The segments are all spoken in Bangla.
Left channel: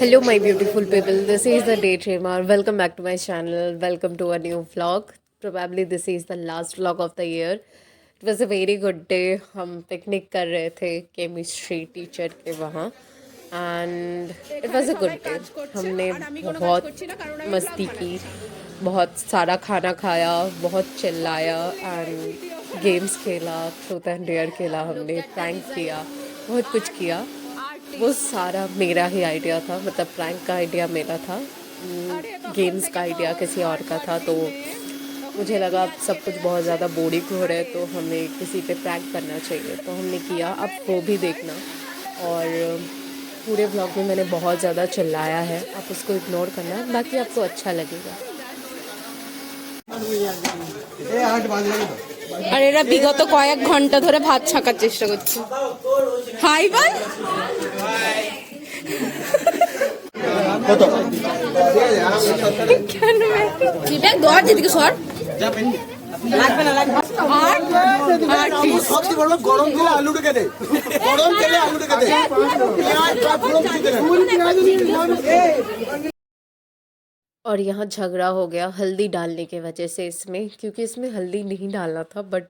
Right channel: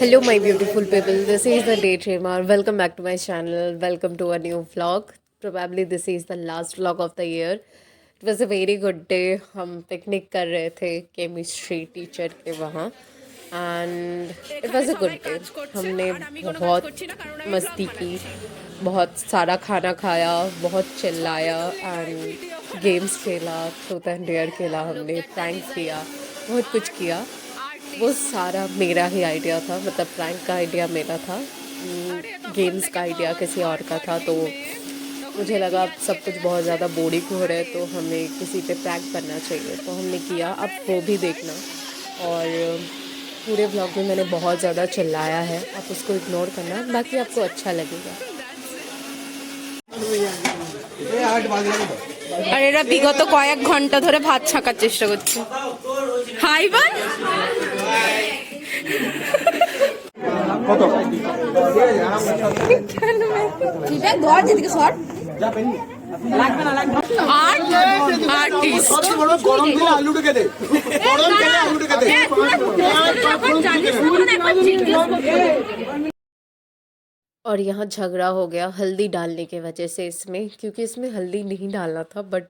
Hello, my beautiful people. This is the Daydreamer. Welcome back to my channel. Welcome to a new vlog. Probably this is the last vlog of the year. It was a very good day. हम पिकनिक कर रहे थे केमिस्ट्री टीचर के वहाँ and it was a good day. हमने बहुत मस्ती की, बहुत सारा खाना खाया, बहुत चिल्लाया एंड गेम्स खेला, ट्रूथ एंड डेयर खेला, हमने प्रैंक किया, बहुत कुछ किया. वो सारा मेरा ही आइडिया था, मतलब प्रैंक का आइडिया मेरा था, गेम्स का आइडिया किसी और का था. तो मुझे लगा अब सब कुछ बहुत ज़्यादा बोरिंग हो रहा है तो हमें किसी पे प्रैंक करना चाहिए, तो हमने किया. अब वो भी देखना. और पूरे व्लॉग में मैंने बहुत ज़्यादा चिल्लाया है, आप उसको इग्नोर करना, बाकी आपको अच्छा लगेगा. আর এরা বিগত কয়েক ঘন্টা ধরে ভাত ছাকার চেষ্টা করছে. হাই বল और यहाँ झगड़ा हो गया हल्दी डालने के वजह से इसमें, क्योंकि इसमें हल्दी नहीं डालना था, बट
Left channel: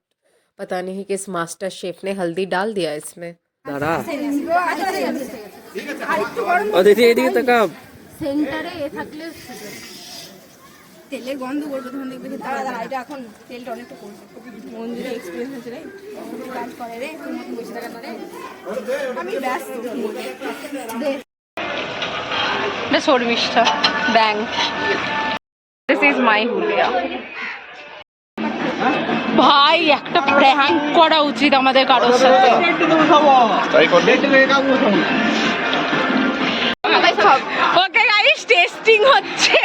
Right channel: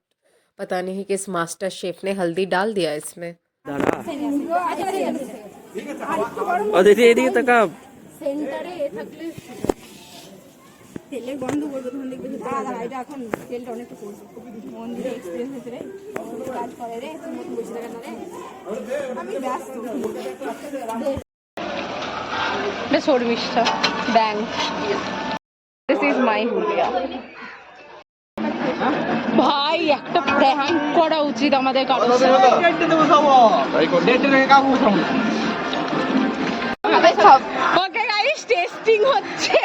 पता नहीं किस मास्टर शेफ ने हल्दी डाल दिया इसमें. দাঁড়া ও দিদি এদিকে তাকা সেন্টারে থাকলে তেলের গন্ধ করবে তখন দেখবে যে দাদা এটা এখন তেলটা অনেকটা করবে মন্দিরে এক্সপেরিয়েন্স হচ্ছে রে কাজ করে রে তুমি মতন বসে থাকা না রে আমি ব্যস্ত বেশ শর্মিষ্ঠা ব্যাং দিস ইজ মাই হুলিয়া. ভাই একটা প্র্যাঙ্ক করা উচিত আমাদের কারোর সাথে. ওকে গাইস, টেস্টিং হচ্ছে.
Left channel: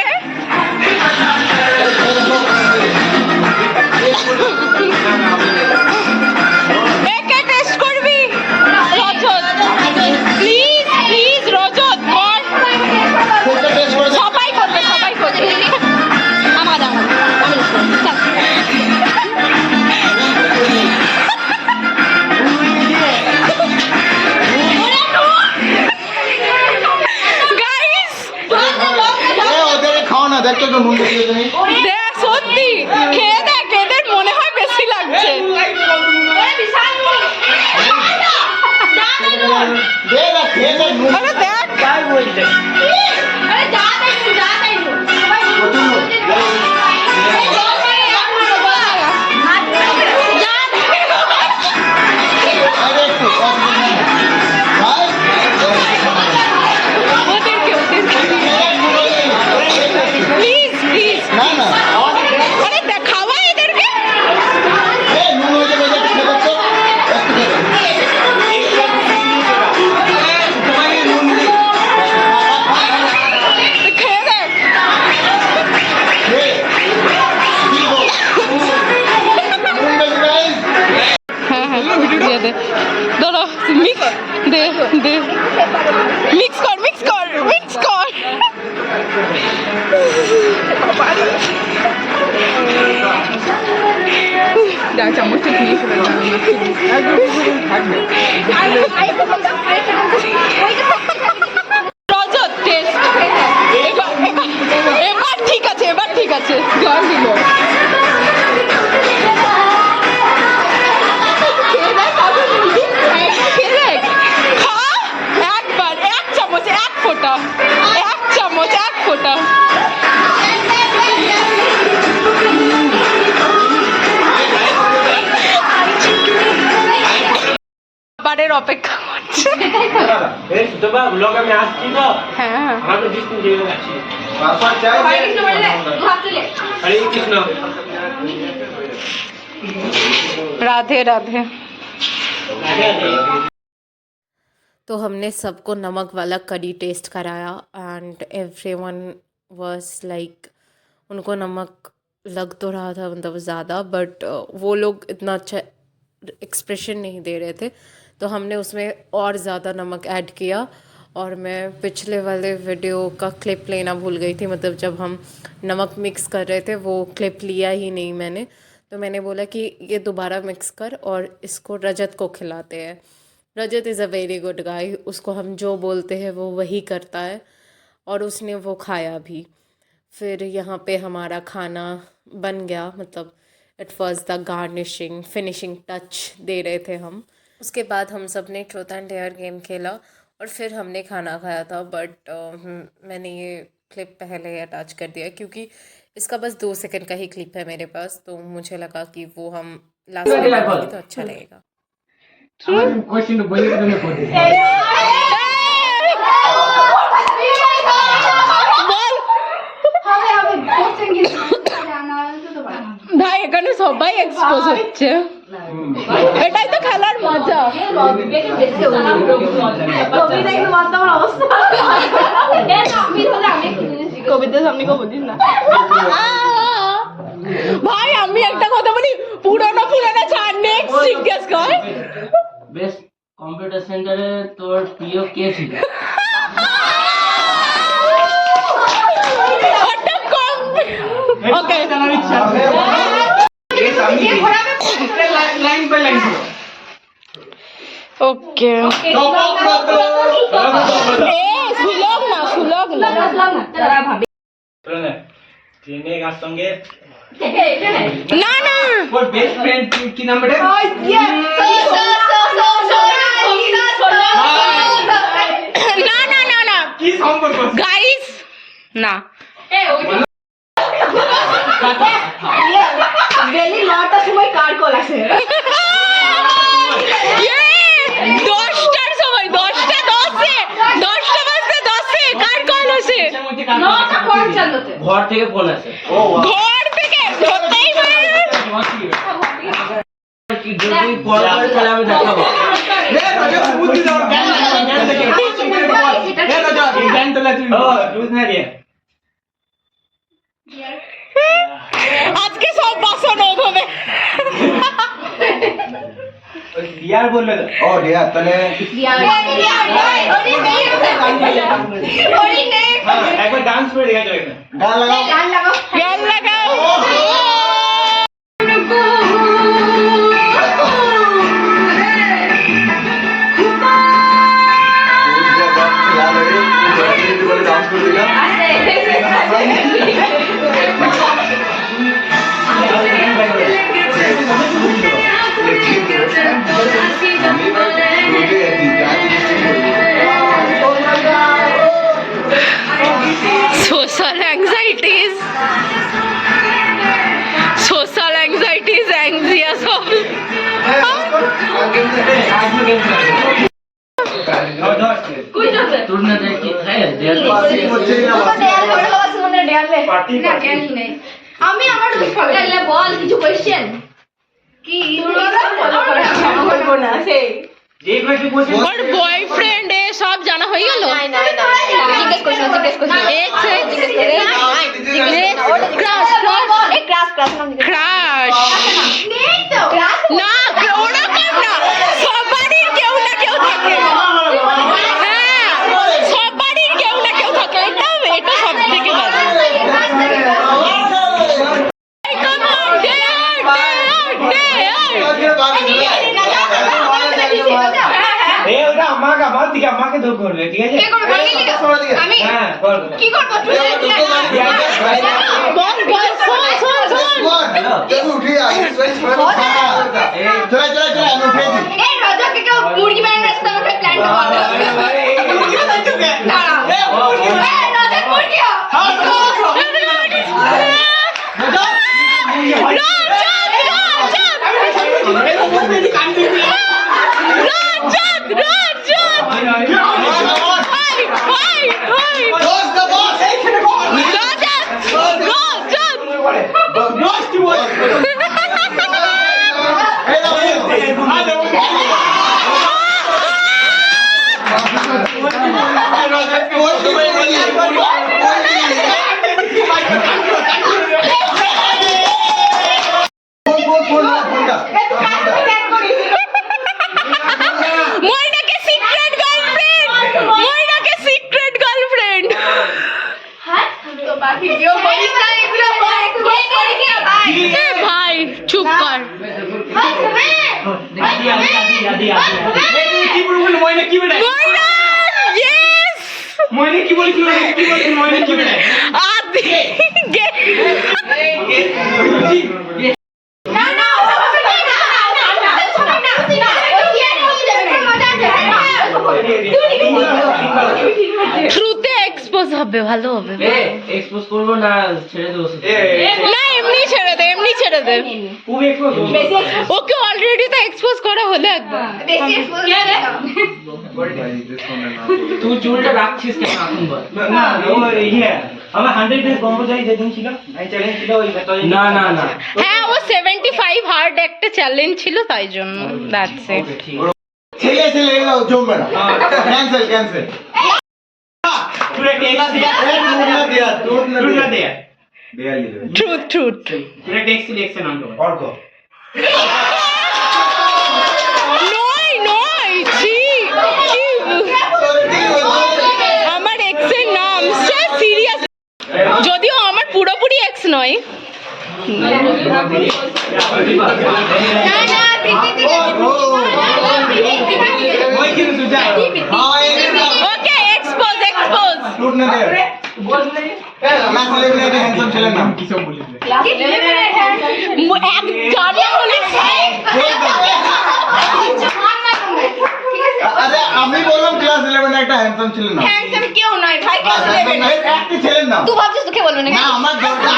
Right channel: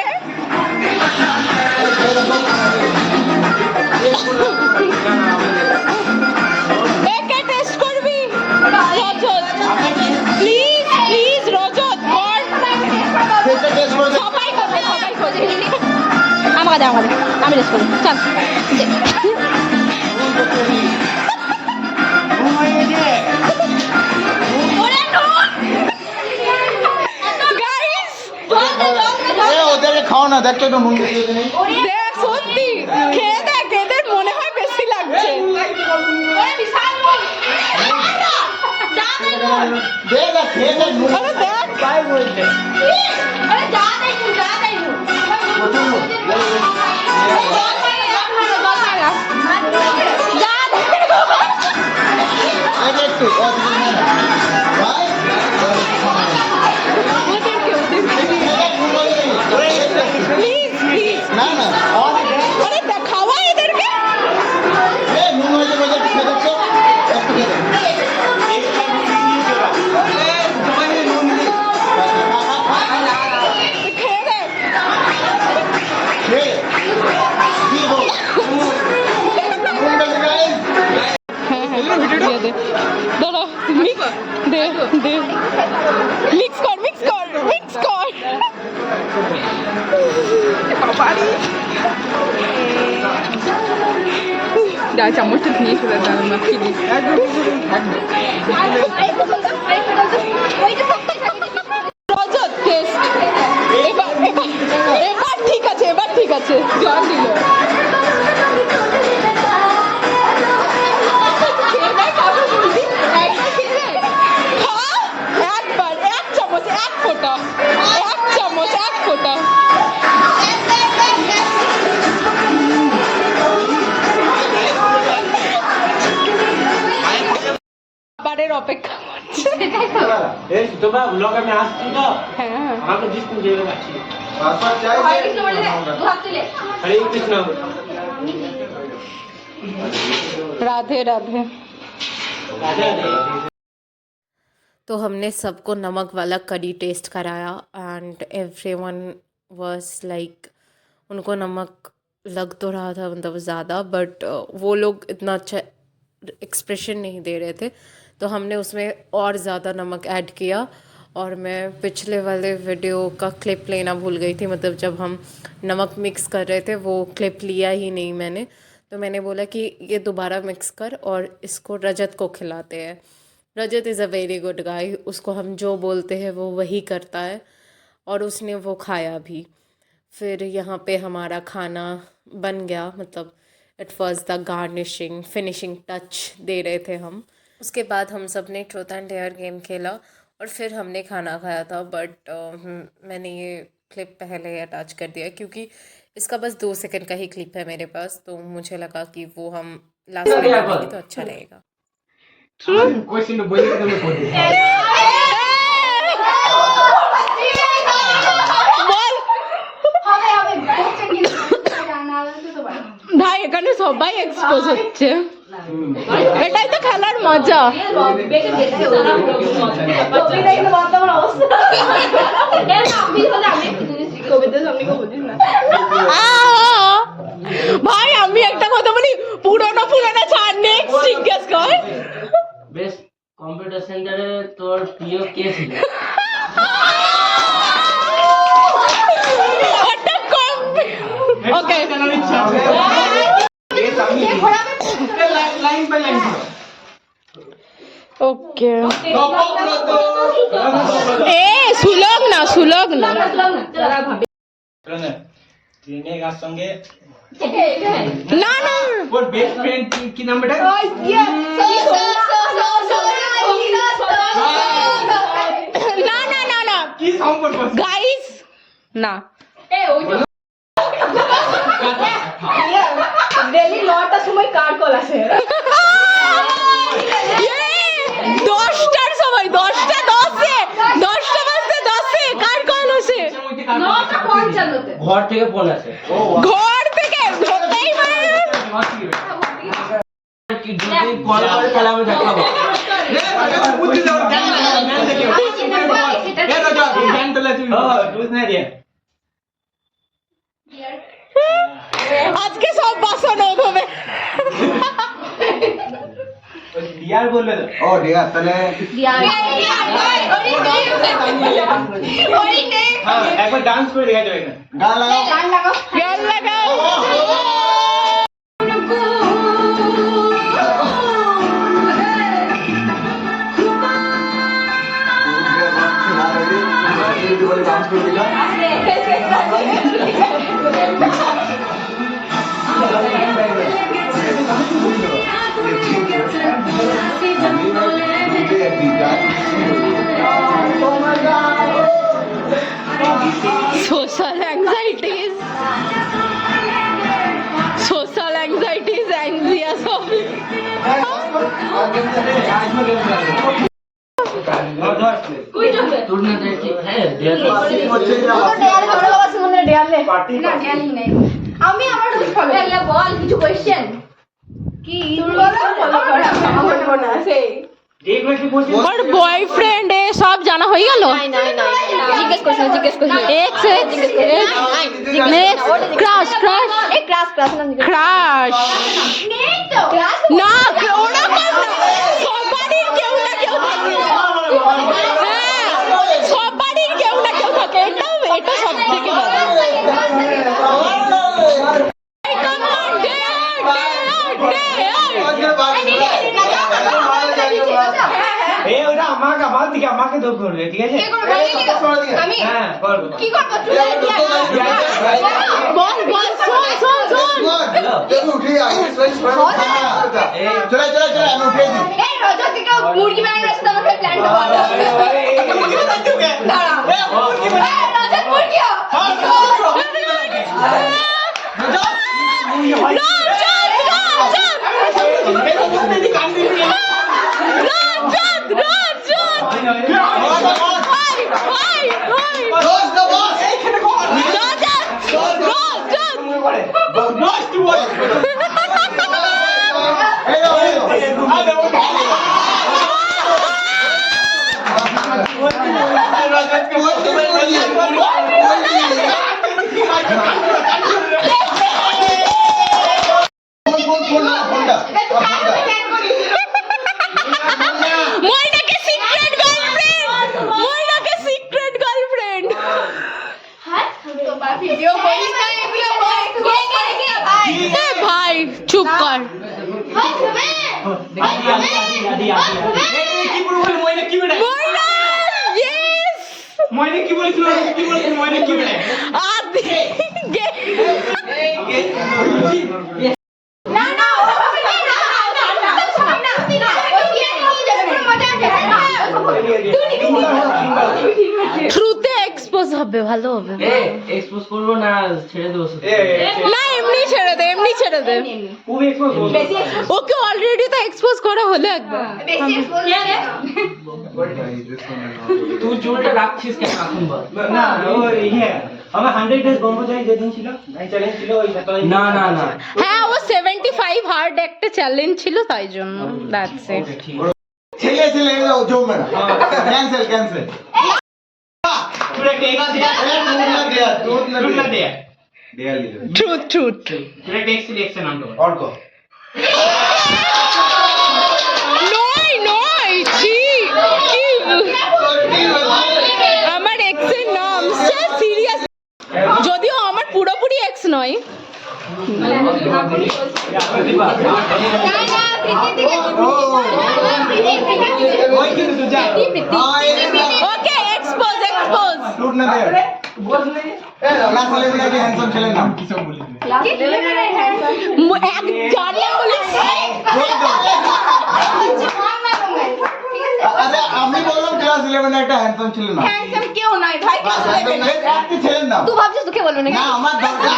একে টেস্ট করবি রজত, প্লিজ প্লিজ রজত কর. সবাই করবে সবাই করবে. আমার আমি সত্যি খেয়ে দেখ, এদের মনে হয় বেশি লাগছে. প্লিজ প্লিজ আরে দেখাওয়া এদেরকে. খেয়ে দেখ. হ্যাঁ হ্যাঁ দিয়ে দে, ধরো মিক্স দে দে, মিক্স কর মিক্স কর মিক্স কর. রজত টেস্ট এবার ঠিক আছে, এবার ঠিক আছে. জল দিল একবার, এক চামচ, এক ফোঁটা, এক চামচ, এক ফোঁটা. বারের অপেক্ষা করছে. হ্যাঁ राधे राधे. तो हमने सबको नमक वाला करी टेस्ट कराया एंड एवरीवन वाज लाइक, उनको नमक लग तो रहा था मतलब ज़्यादा, बट वो लोग इतना अच्छा एक्सप्रेशन नहीं दे रहे थे, तो हमने उसमें और ज़्यादा नमक ऐड किया. और मैं पिछले वाले वीडियो का क्लिप लेना भूल गई थी, मतलब जब हम नमक मिक्स कर रहे थे वो क्लिप लिया ही नहीं मैंने, तो मैंने बोला कि ये दोबारा मिक्स कर और इसको रजत को खिलाते हैं. Rajat is a very good guy, उसको हम जो बोलते हैं वो वही करता है. और उसने वो खाया भी। फिर यहाँ पे हमारा खाना बन गया, मतलब it was the garnishing finishing touch दे रहे थे हम। उसके बाद हम सब ने ट्रूथ एंड डेयर गेम खेला और फिर हमने खाना खाया था। बट मैंने ये क्लिप पहले अटैच कर दिया क्योंकि इसका बस 2 सेकंड का ही क्लिप है मेरे पास, तो मुझे लगा कि वो हम लास्ट में डालेंगे तो अच्छा रहेगा। ভাই এখানে সবাই এক্সপোজ হচ্ছে, এটাই তো খেলার মজা। ভাই আমি একটা কথা বলি, পুরোনো ছাড়, নেক্সট জিজ্ঞেস কর। বেস্ট কম্পিউটার সেন্টারে তোর প্রিয় কে ছিল? ওকে ওকে এ সুলভ না ট্রেনে কার সঙ্গে না না ওর বেস্ট ফ্রেন্ড কি নাম বেটা? না না না না কি সম্পর্ক? গাইস না ডেলি 9টার সময় কার কল আসে? 10টার সময় 10টা 10-এ 10টা বাজতে 10-এ কার কল আসে? 9:55 ঘর থেকে ফোন আসে। ও ঘর থেকে ধরতেই পারে। কি যদি কল করে তাহলে আমি দেখাবো। রে আগে বুদ্ধি দাও, জ্ঞান দেখে রে রাজা জ্ঞান তোলা তুমি। ও বুঝ না রে আজকে সব বাসন ওভাবে ডিয়ার বললে ও ডিয়ার তাহলে হ্যাঁ একবার ডান্স করে দেখা যাবে। গান লাগাও গান লাগাও। ডান্স করে দিলাম। Social anxieties, anxious of তোর না দেখি হ্যাঁ দেয়ার আমি আমার বল কিছু কোশ্চেন কি আমার মনে আছে एक में से पूछ ওর বয়ফ্রেন্ড এ সব জানা হয়ে গেল। জিজ্ঞেস করছিলাম এক্স ক্রাশ না ওরকম না, সবারই কেউ না কেউ থাকে। হ্যাঁ সবারই কেউ না কেউ থাকে, এটা সব থেকে ভালো। ए ওটা আমাকে বাদ দিকে আমাকে দোষ করবে, ঠিক আছে? আমি হ্যাঁ বল কি করব? বল শোন जब उठी आगे स्विच पर चला चला चला हम उठे थी এই রজত থেকে মুরগি বানানোর রাস্তা আমরা প্ল্যান করব। রজত মুরগি ভাই চুপ কর। কি বলবো মইনা কি বেটা? Yes! ময়নে কি বলিস ময়নে কি বলে আদি ট্রুথে এক্সপোজ হবে, ভালো হবে। এক্সপোজ করবো না ছেড়ে দেবো না এমনি ছেড়ে দে, এমনি ছেড়ে দে। খুব এক্সপোজ ওকে অলরেডি তো এক্সপোজ করা হলো একবার। তুই চুলটা রাখছিস কেন এখন বল? না ও ইয়ে আমার 100 ডেজ ব্রহ্মচারী যেদিন ছিল এই চ্যালেঞ্জ ছিল ওই না না না হ্যাঁ ও 75 হার্ড একটা চ্যালেঞ্জ ছিল তাই জন্য, দ্যাটস ইট। ঠিক ছেলে ছেলে এরাও জমবে না ক্যান্সেল ক্যান্সেল তুই টেক্সট দিয়া টুট না দেয়া দেয়াল দিবে ট্রুথ ট্রুথ। তুই টেক্সট দেখছ নাম তো অর্ক নয় নয় ছি কি আমার এক্স এর নাম সে সিরিয়াস, যদিও আমার পুরোপুরি এক্স নয়। ওই কিন্তু সুজায় ওকে এক্সপোজ এক্সপোজ। টুট না দেয়াল ক্লাস 11 এর হ্যান্ডসাম ছেলের নাম কি সব বলিস এক জানা বলি আরে আমি বললাম ক্লাস 11 এ একটা হ্যান্ডসাম ছেলের নাম কেউ নয় ভাই, একটা ছেলের নাম তুই ভাবছিস তোকে বলবে না আমার দরকার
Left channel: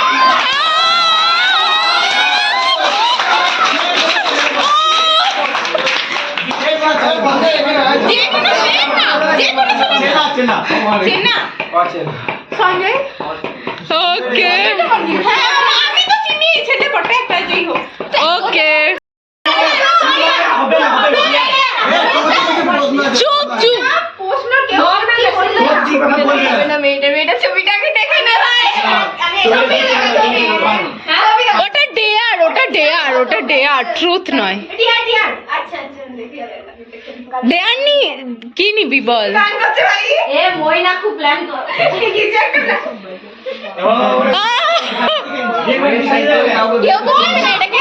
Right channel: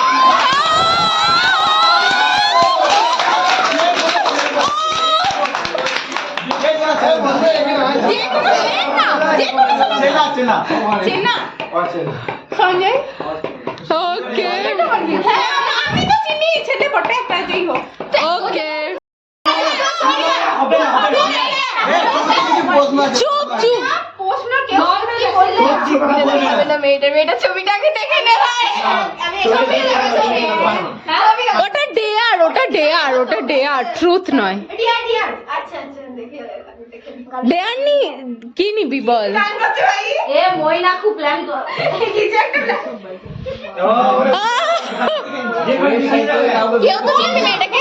সঞ্জয় ওকে আমি তো চিনি ছেলে পটে একটা যেই হোক ওকে হবে না চুপ চুপ। প্রশ্ন কেউ করবে না, বলবে না মেয়েটা ছবিটাকে দেখে নে ভাই। আমি ছবি দেখেছি। হ্যাঁ ছবি দেখো। ওটা ডেয়ার, ওটা ডেয়ার, ওটা ডেয়ার, ট্রুথ নয়। ডিয়ার আচ্ছা দেখি ডেয়ার নি কি নিবি বল? গান করতে ভাই এ মইনা খুব প্ল্যান কর কিছু একটা plan। কেউ তো বলবে না এটাকে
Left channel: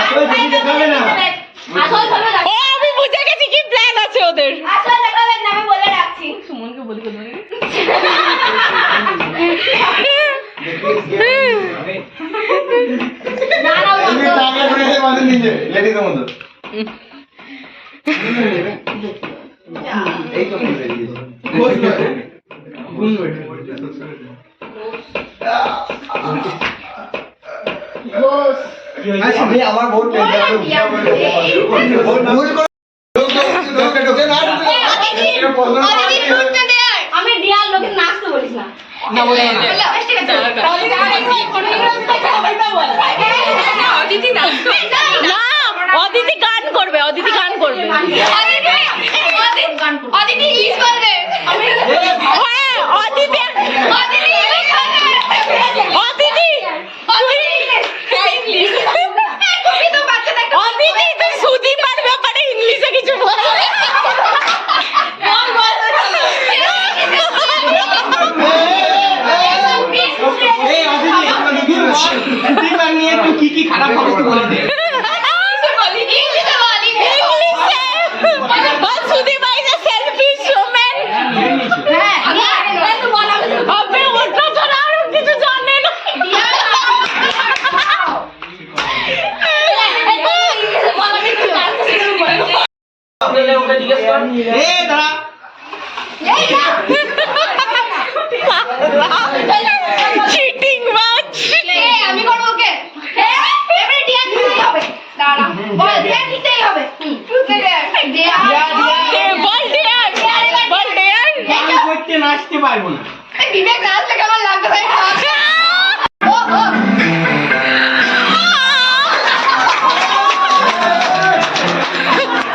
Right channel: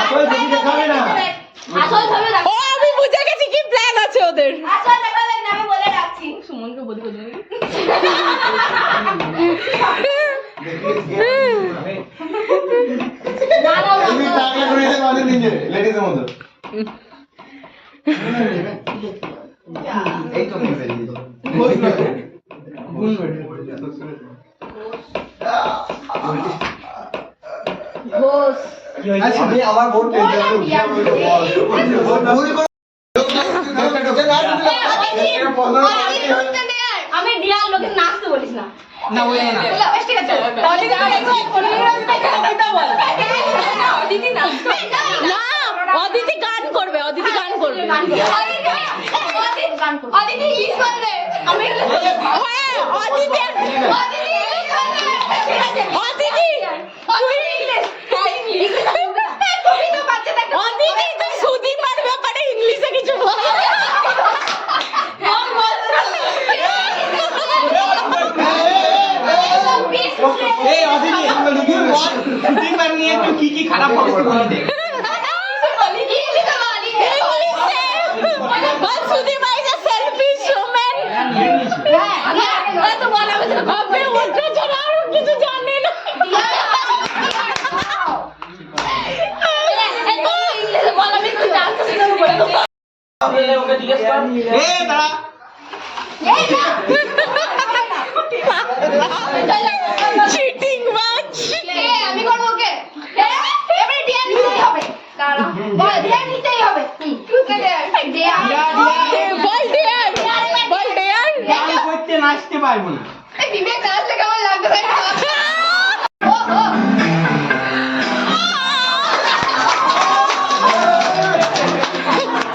আসল ছবি দেখাবে না, আসল ছবি ও আমি বুঝে গেছি কি প্ল্যান আছে ওদের। আসল দেখাবেন না, আমি বলে রাখছি সুমনকে বলি তুমি টাকা করেছে মানে নিজে লেডিস মতো এই তো করে দিয়েছে বস আচ্ছা আমি আমার ভোট পেতে হবে ভোট ভুল করে ঢোকে না আমি ডিয়ার লোকে নাচতে বলিস না না বলে না। ঠিক আছে অদিতি নাচবে না অদিতি গান করবে, অদিতি গান করবে। অদিতি ইংলিশ করবে আমি হ্যাঁ অদিতি অদিতি ইংলিশ করবে অদিতি তুমি তো বাচ্চাটা একটা অদিতি তুই সুদীপার ব্যাপারে ইংলিশে কিছু বল। এই অভিনয় আমরা কি সুদীপার নিয়ে তুই কি খারাপ অবস্থা বলে দে Sudipa is a selfish woman. আপনি ওটা ছাড়া আর কিছু জানেন না। ওকে জিজ্ঞেস কর এই দাঁড়া চিটিং মাছ। আমি করবো ওকে এবারে ডিয়ার নিতেই হবে দাঁড়া বল ডিয়ার নিতেই হবে ডিয়ার বল ডেয়ার, বল ডেয়ার। গান করতে নাচতে পারবো না বিবেক নাচলে কেমন লাগবে ভাই ও ও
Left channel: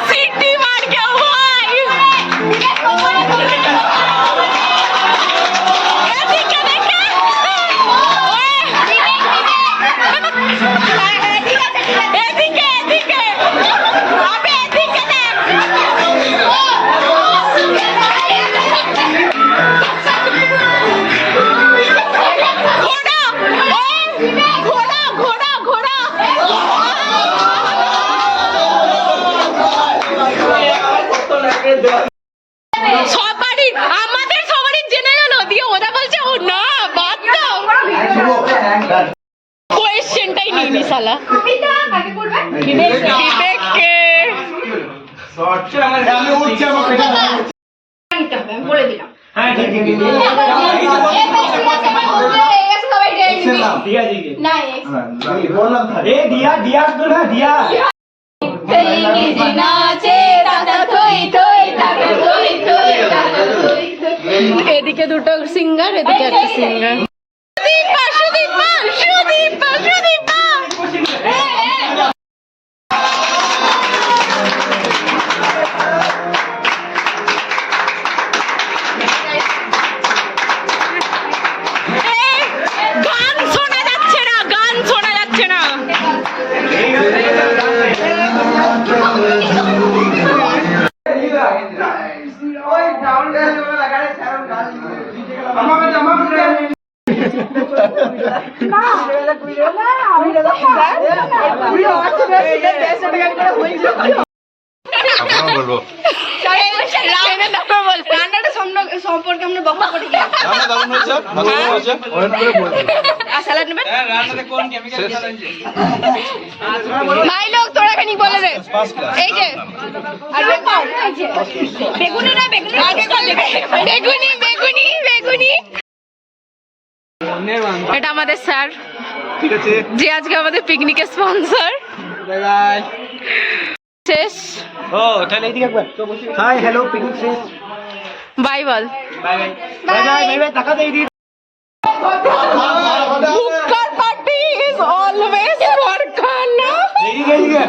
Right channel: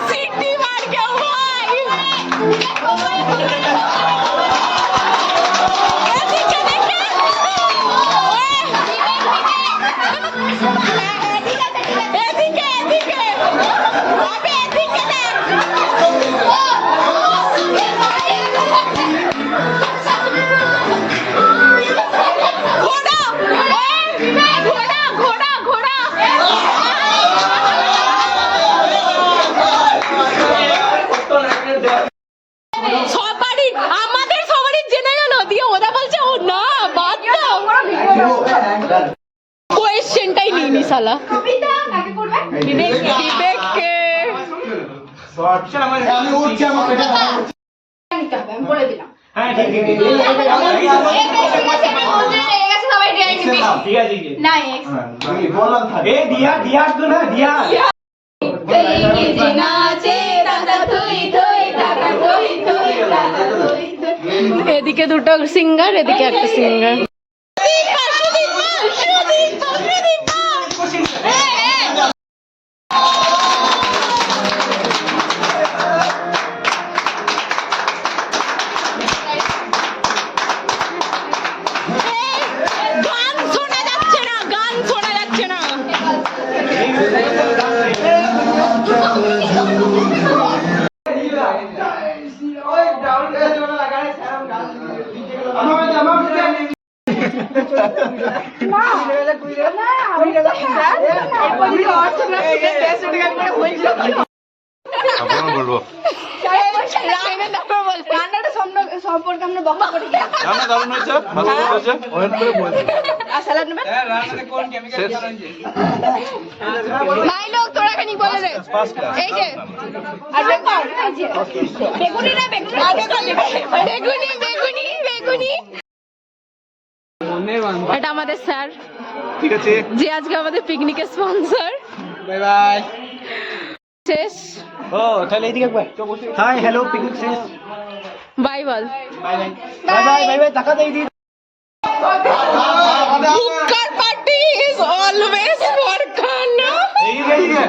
সিটি মার के भाई এদিকে দেখে এদিকে এদিকে আবে এদিকে দেখ। ও সবারই আমাদের সবারই জেনে গেল দিয়ে ওরা বলছে ও না বাদ দাও কোয়েশ্চেনটাই নিইনি শালা কবিতা কাকে করবে বিবেককে চল আমার আমি উঠছি আমার পেটে নিতে হবে আমি বলে দিলাম হ্যাঁ ঠিক আছে ঠিক আছে না বললাম থাকে এ দিয়া দিয়া তো না দিয়া এদিকে দুটো সিঙ্গার এদিকে একটা সিঙ্গার গান শোনা যাচ্ছে না গান শোনা যাচ্ছে না আপনারা বলবো রান্নাটা সম্পর্কে আমরা বকা করি রান্না দারুণ হয়েছে ভালো হয়েছে অনেক করে বলছি আর স্যালাড নেবেন রান্নাতে কোন কেমিক্যাল দেওয়া হয়েছে ভাই লোক তোরা খানি বলে দে এই যে আর বেগুনি না বেগুনি বেগুনি বেগুনি বেগুনি এটা আমাদের স্যার ঠিক আছে যে আজকে আমাদের পিকনিকের স্পন্সর বাই বাই শেষ ও তাহলে এইদিকে একবার হাই হ্যালো পিকনিক শেষ বাই বল bye bye bye bye bye bye টাকা দেই দি হুক্কার পার্টি ইজ অলওয়েজ ফর খানা এইদিকে এইদিকে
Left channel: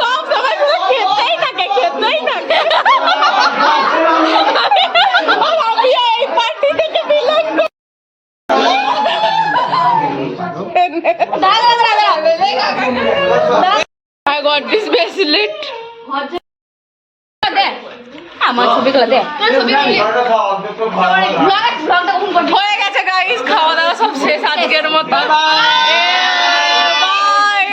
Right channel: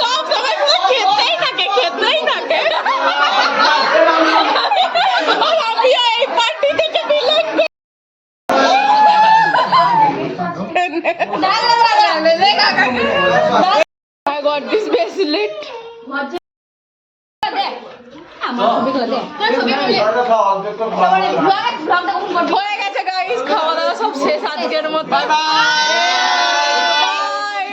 সব সময় শুধু খেতেই থাকে আর আমি এই পার্টি থেকে বিলং করি I got this bracelet. আমার ছবিগুলো দে ছবি হয়ে গেছে গাইস খাওয়া দাওয়া সব শেষ আজকের মতো বাই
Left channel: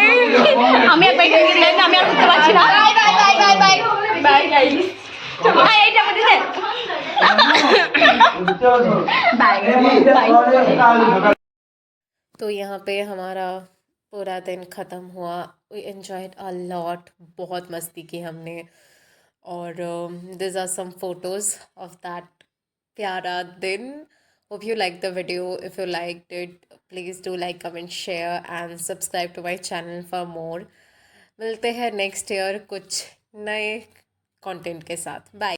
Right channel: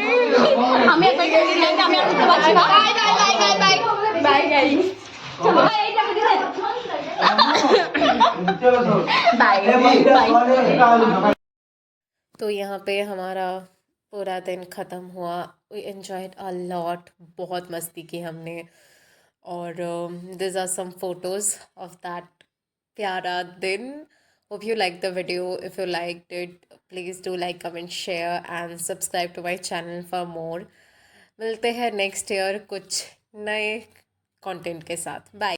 আমি আর বেগুনি আমি আর উঠতে পারছি না by bye bye bye bye bye guys ভাই এইটা আমাদের বাই तो यहाँ पे हमारा पूरा दिन ख़त्म हुआ वी एन्जॉयड अ लॉट बहुत मस्ती की हमने और this are some photos of that प्यारा दिन hope you like the video if you like it please do like comment share and subscribe to my channel for more मिलते हैं नेक्स्ट ईयर कुछ नए कंटेंट के साथ बाय